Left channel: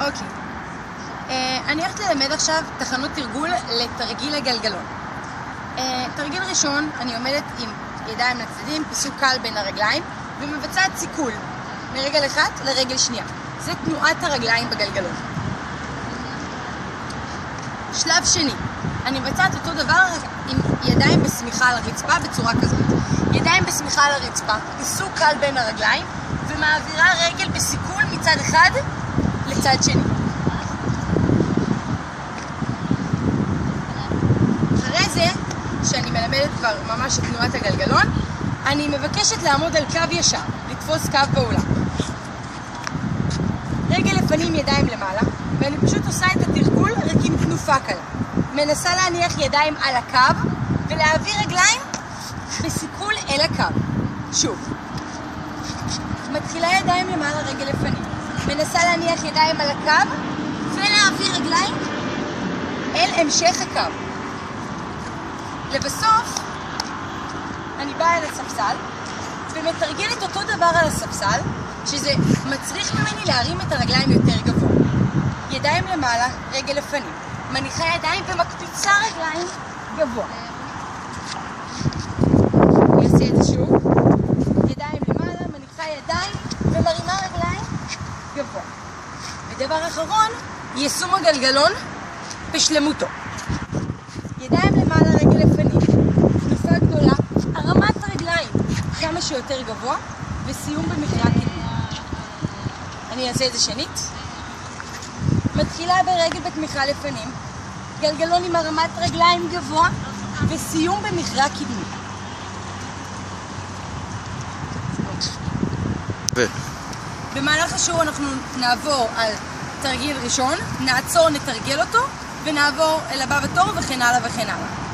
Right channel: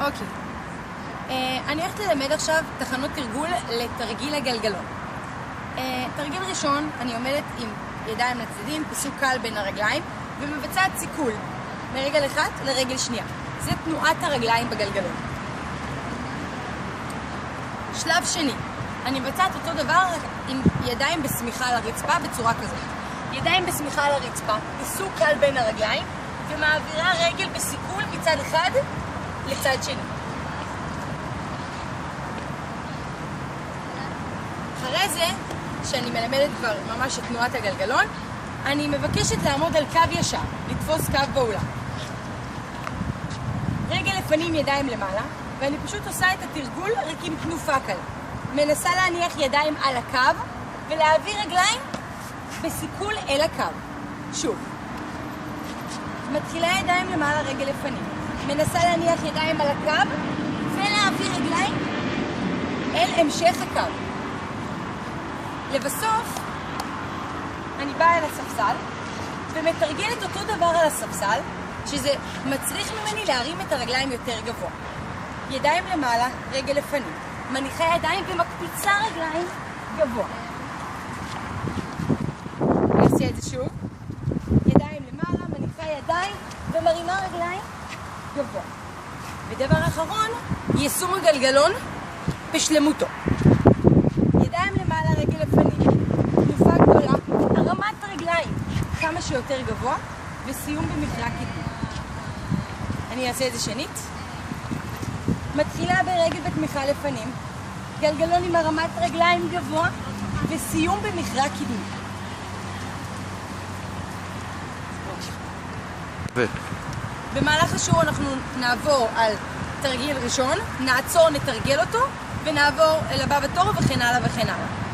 אוקיי. אני הולכת ללמד עכשיו תחנות תרגול לתרגיל הגלגלון. תרגיל ראשון, אני עומדת עם ידיים לצדדים, פיסוק קל בין הרגליים, ומבצעת סיכול מרגל אחד לרגל שנייה. זה תנועת הרגליים בגלגלון. שלב שני, אני מבצעת אותו דבר עם ידיים בסמיכה על הרצפה בצורה כזאת. ידיים בסמיכה על הרצפה, פיסוק קל בין הרגליים, ומעבירה רגל בסיכול מצד אחד לצד שני. אחרי זה, שאני מלמדת כבר ממש את תנועת הגלגלון, אני מבקשת לעמוד על קו ישר, לתפוס קו באולם. רגל לפנים, ידיים למעלה, ואני פשוט עושה את התרגול רק עם תנופה קלה. מנסה להניח ידיים על הקו ולהעביר רגליים בסיכול אל הקו. שוב. מתחילה ידיים למעלה, רגל לפנים. מנסה להניח ידיים על הקו ולהעביר רגליים אל המשך הקו. לבסוף, אני באה אל הספסל ומתרגלת אותו דבר על הספסל, שזה מצריך ממני להרים את הרגליים יותר גבוה. ידיים למעלה, רגל לפנים. מניחה ידיים ומקפיצה רגליים גבוה. נעשה את זה שוב. ידיים למעלה, מניחה ידיים ומרימה רגליים גבוה. ודבר אחרון, יישום הגלגלון בשלמותו. ידיים למעלה, רגל לפנים. תנופה גדולה, הרמת רגליים כמה שיותר גבוה, וסיום במקרה קדמי. אני אעשה את זה שנית. מתחילה ברגל בתמיכה לפנים, גלגלון עם הרמת רגליים גבוה, וסיום במכרע קדמי. במהלך השיעור אנחנו נעבור על תרגיל ראשון, נעצור, נתרגל אותו, ונעבור אל הבא בתור וכן הלאה וכן הלאה.